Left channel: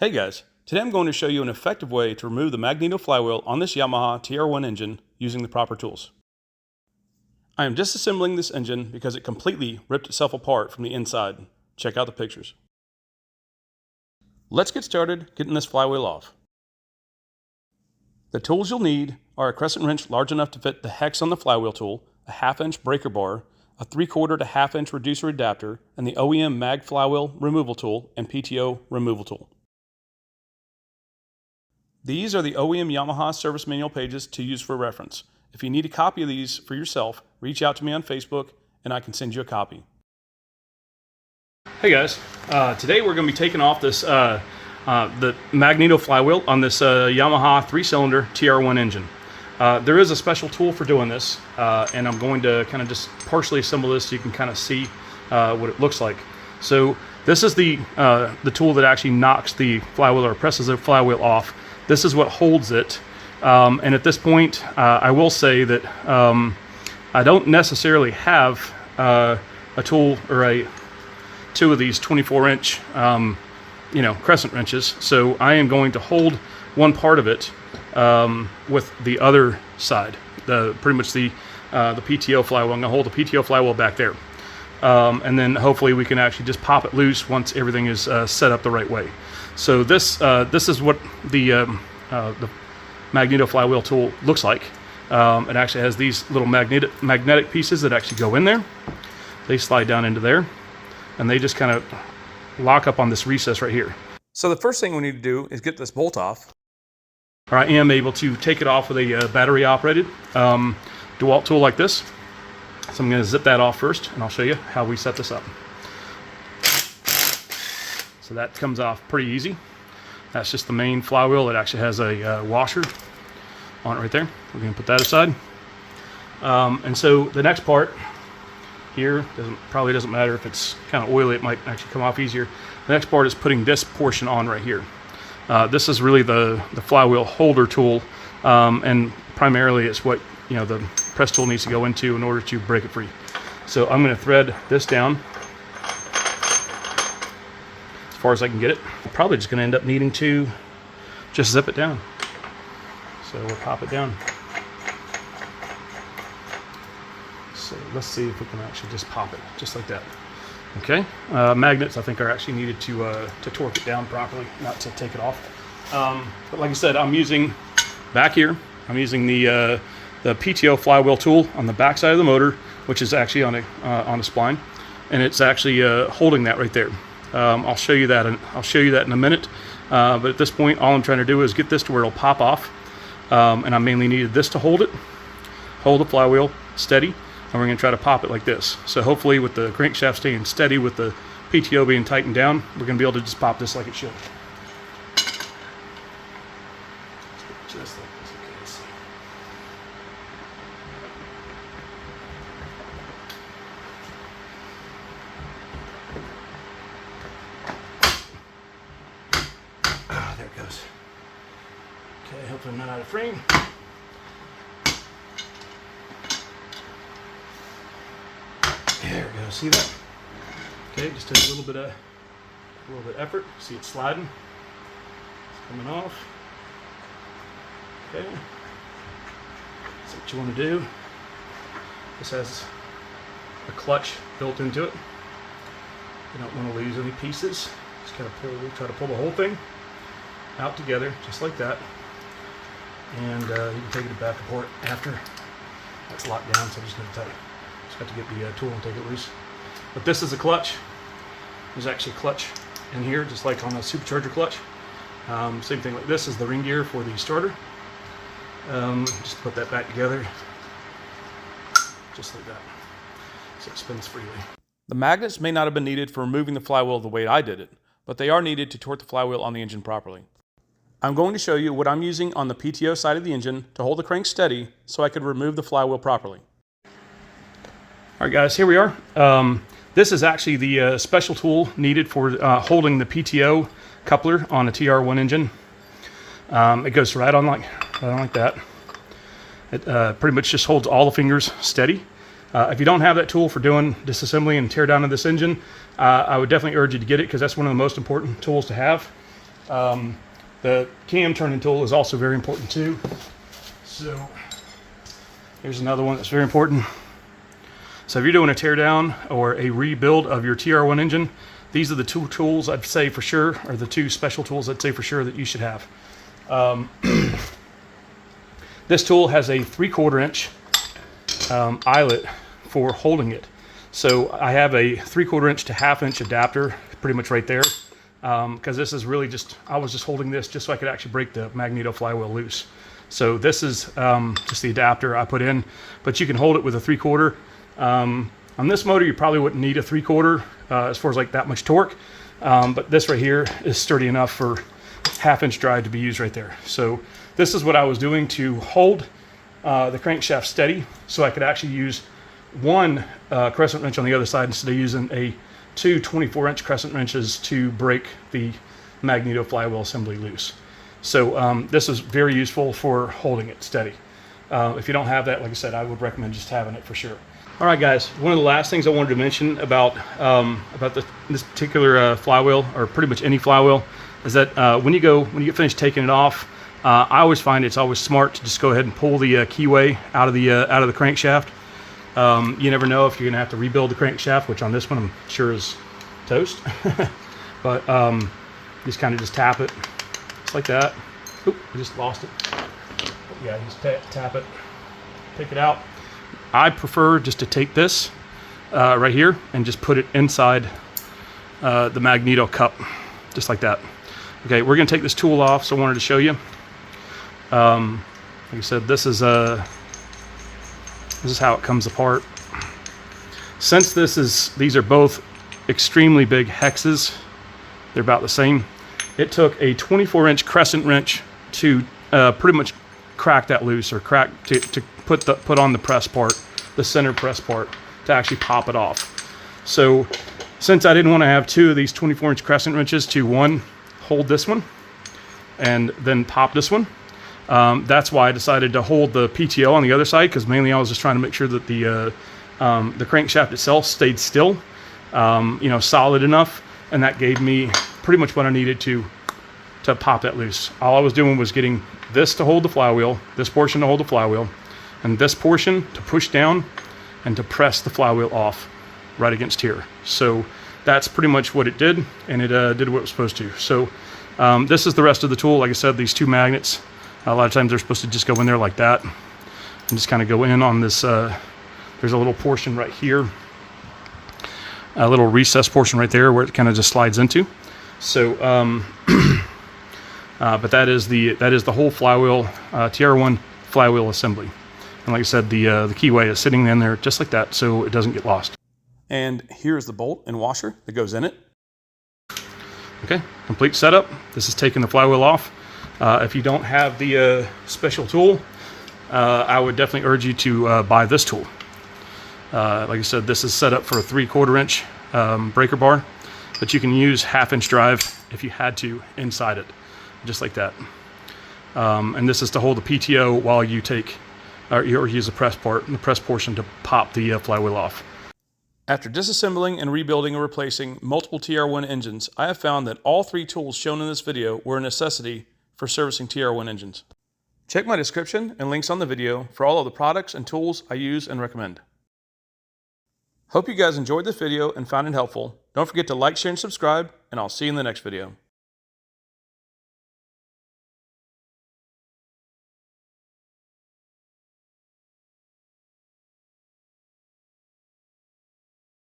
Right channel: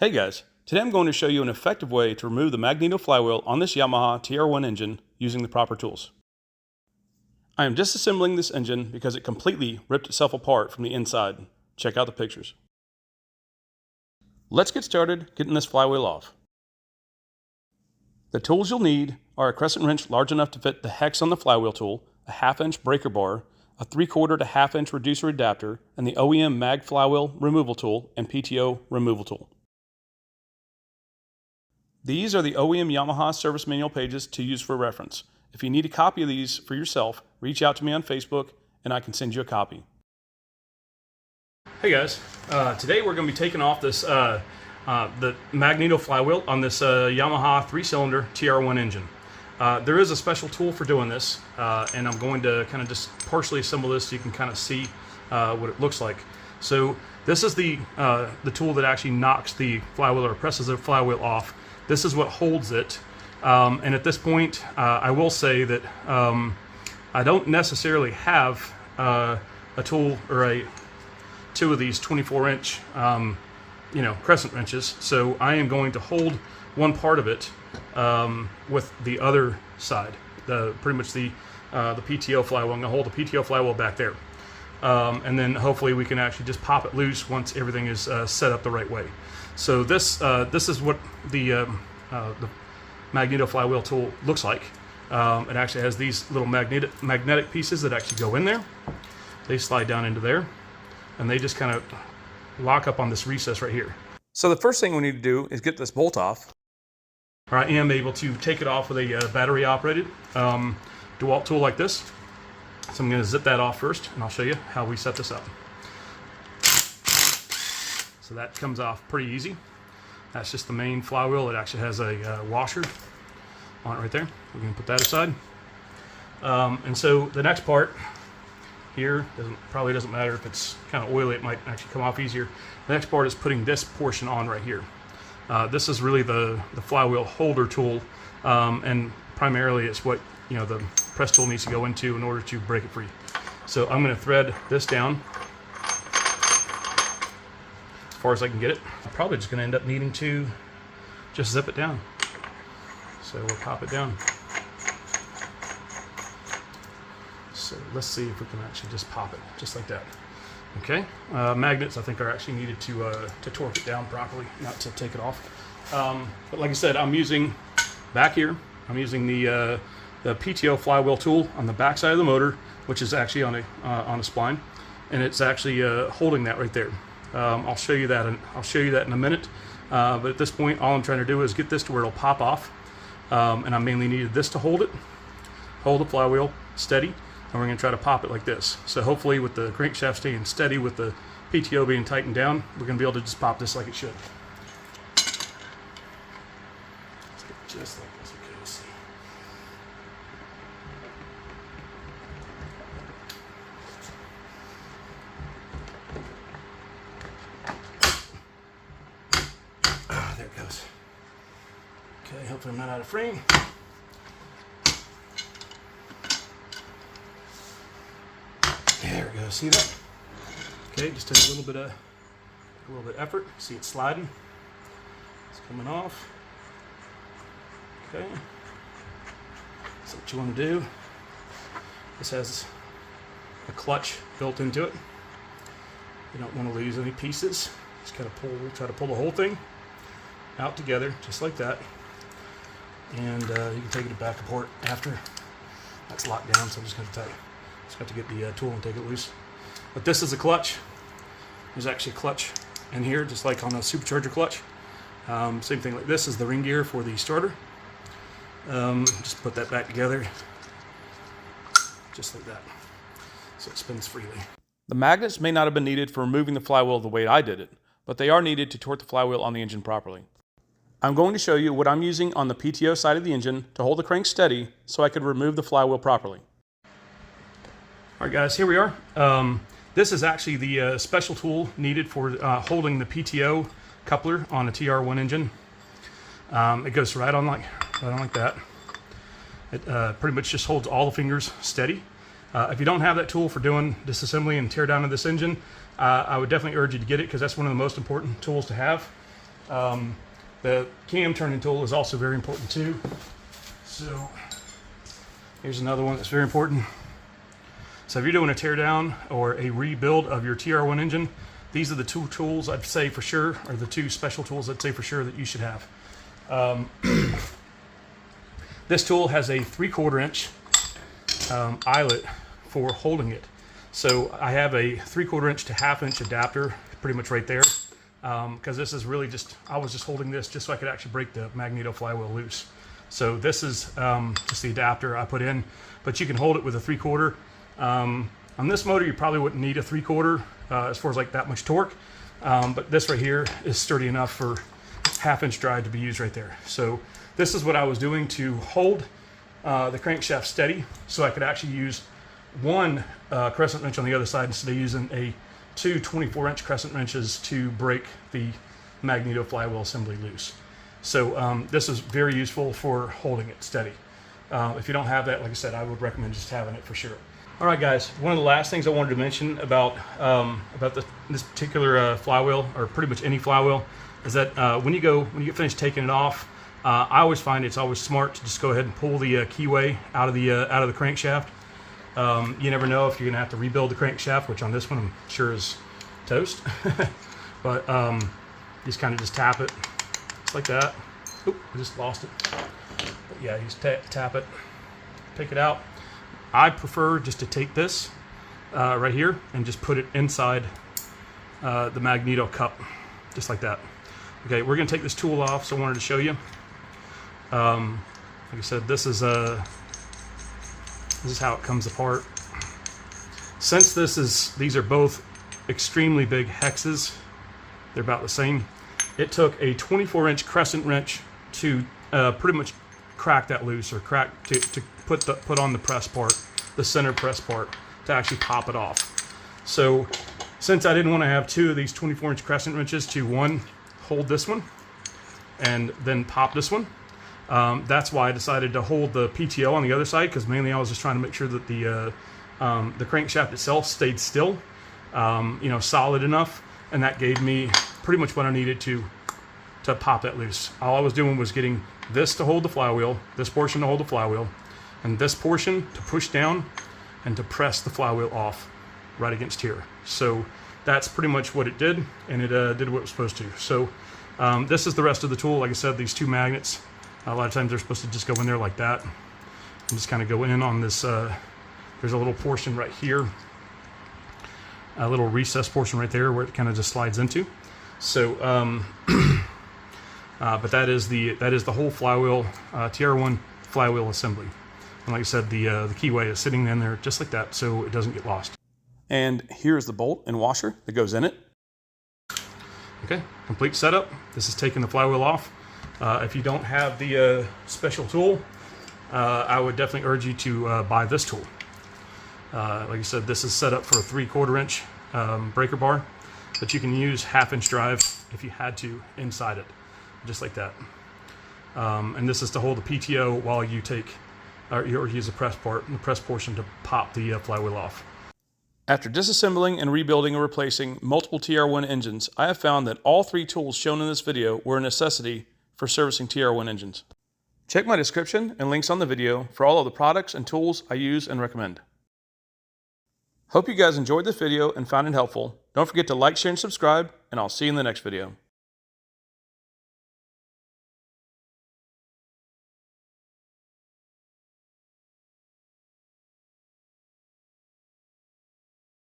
Hey guys, today I'm going to show you an effective way to remove the Magneto flywheel on this Yamaha TR1 engine using the proper tools. I am disassembling this engine because it completely ripped itself apart from the inside. Check out the pictures. Let's get started getting this flywheel off. The tools you'll need are a crescent wrench large enough to fit the hex on the flywheel tool, a 1/2 inch breaker bar, a 3/4 to 1/2 inch reducer adapter, and the OEM mag flywheel removal tool and PTO removal tool. These are the OEM Yamaha service manual pages to use for reference. If you need a copy of these for yourself, reach out to me on Facebook and I can send you a copy. Hey guys, today we're going to be taking off this the Magneto flywheel on this Yamaha 3-cylinder TR1 engine. There is a special tool for doing this, and I'm going to kind of just partially assemble this so you can kind of see what it looks like. So this is the tool that actually knocks the flywheel or presses the flywheel off. This is what holds it, and at this point I will say that I don't necessarily have a tool or two of these 24-inch crescent wrenches, so I am going to hold one part of it with the other side, pretty much the PTO flywheel. I'm going to hold the PTO flywheel back there, and then hopefully we can actually just pop it loose once everything is set up the right way. So this is what the Magneto flywheel tool looks like. It actually has these little magnetic pieces that actually go in there. They slide down into there, and they just kind of lock up on this recess right here. So the first thing we need to do is get this bolt off. I am able to take it off with a battery operated Dewalt tool like this. So I'm going to zip that off first, and I'll show you how we set this up. So that comes off pretty easy. That's just the main flywheel. It actually has a washer on it right there. We're going to put that aside. And so the next part here, probably doesn't matter if it's kind of oily, it might actually come off easier. The next part is putting this portion on right here. This is really the flywheel holder tool, and primarily it's what the press tool needs to go into in order to break it free. So I'm going to thread this down as far as I can get it. I'm probably just going to end up needing to just zip it down. So we'll pop it down. So let's see if we can actually just pop it, just like that. Okay, magnets I think are actually needed to torque it down properly, not to take it off. But like I said, I'm using back here. I'm using the PTO flywheel tool on the back side of the motor, which is actually on a spline, and it's actually holding that right there. I'll show you that, in a minute. But at this point, all I'm trying to do is get this to where it'll pop off, and I mainly needed this to hold the flywheel steady. And we're going to try to pop it like this. So hopefully with the crankshaft staying steady, with the PTO being tightened down, we're going to be able to just pop this like it should. Just like this, okay, let's see. Ah, there it goes. Okay, hopefully I'm not out of frame. There we go. See that? Okay, just take a little bit of effort. See it sliding. It's coming off. Okay. So what you want to do? This has a clutch built into it. You don't want to lose any pieces. Just gotta try to pull the whole thing out together, just like that. And you can take it back apart after that's locked down. So I'm just going to tell you. Just got to get the tool and take it loose. But this is a clutch. There's actually a clutch in here, just like on a supercharger clutch. Same thing like this is the ring gear for the starter. Just put that back together, just like that. So it spins freely. The magnets may not have been needed for removing the flywheel the way I did it, but they are needed to torque the flywheel on the engine properly. I'm going to show you what I'm using on the PTO side of the engine to hold the crank steady so I could remove the flywheel properly. All right guys, here we are. This is actually the special tool needed for holding the PTO coupler on a TR1 engine. It goes right on like that. It pretty much just holds all the fingers steady. If you don't have that tool for doing disassembly and tear down of this engine, I would definitely urge you to get it, because that's one of the most important tools to have. The cam turning tool is also very important too. So here's another one that's very important. So if you're doing a teardown or a rebuild of your TR1 engine, these are the two tools I'd say for sure, or the two special tools I'd say for sure that you should have. This tool has a 3/4 inch eyelet for holding it. So I have a 3/4 inch to 1/2 inch adapter pretty much right there, because this is really just, I was just holding this just so I could actually break the Magneto flywheel loose. So this is just the adapter I put in, but you can hold it with a 3/4. On this motor, you probably wouldn't need a 3/4 as far as like that much torque, but this right here is sturdy enough for 1/2 inch drive to be used right there. So this is what I was doing to hold the crankshaft steady, so I could actually use one crescent wrench on the other side instead of using two 24-inch crescent wrenches to break the Magneto flywheel assembly loose. So this is very useful for holding it steady. If you don't have that, like I said, I would recommend just having it for sure. All right, guys, one of the last things I wanted to mention about this particular flywheel, or pretty much any flywheel, is that when you get finished taking it off, I always find it's always smart to just go ahead and pull the keyway out of the crankshaft. You never know if you're gonna have to rebuild the crankshaft, which on this one I'm sure is toast. But just kind of just tap it, just like that. Oop, I just lost it. But yeah, you just tap it, take it out. I prefer just to take this right here and just put it inside the Magneto cup, just like that. Okay, we're gonna take this tool off, so I wanted to show you. Like I said, this is how it comes apart. Since these are both extremely big hexes, they're about the same. It took a 24-inch crescent wrench to pretty much crack that loose, or to put on the press part, the center press part, to actually pop it off. So since I didn't want to have two of these 24-inch crescent wrenches to one hold this one and then pop this one, that's why I decided to hold the PTO on the other side, because mainly I was just trying to make sure that the crankshaft itself stayed still, solid enough, and that gave me pretty much what I needed to pop that loose. All I was doing was getting this to hold the flywheel, this portion to hold the flywheel, and this portion to push down and to press the flywheel off right against here. So that's pretty much what it did, and it did what it was supposed to. So this is the rest of the tool. Like I said, these two magnets, a lot of times they're supposed to just go in there like that and just kind of go in on this. There's a little portion right here, a little recess portion right there where it kind of just slides into. So but that is the whole flywheel, TR1 flywheel assembly. And like I said, the keyway is sitting in there just like that, so it doesn't get lost. And here's the bolt and washer that goes in it. Okay, complete setup. This is taking the flywheel off. If you don't have the special tool, I would definitely urge you to buy this tool. Like I said, this is set up for a 3/4 inch breaker bar, but you can use 1/2 inch drive if you had to inside it, just like that. And this is to hold the PTO while you take or use the press part and the press portion to pop the flywheel off. After disassembling and rebuilding or replacing multiple TR1 engines, I have found that all three tools shown in this video were a necessity for servicing TR1 engines. Check my description and links on the video for all of the products and tools I use and recommend. Hope you guys enjoyed this video and found it helpful. Don't forget to like, share, and subscribe, and I'll see you in the next video.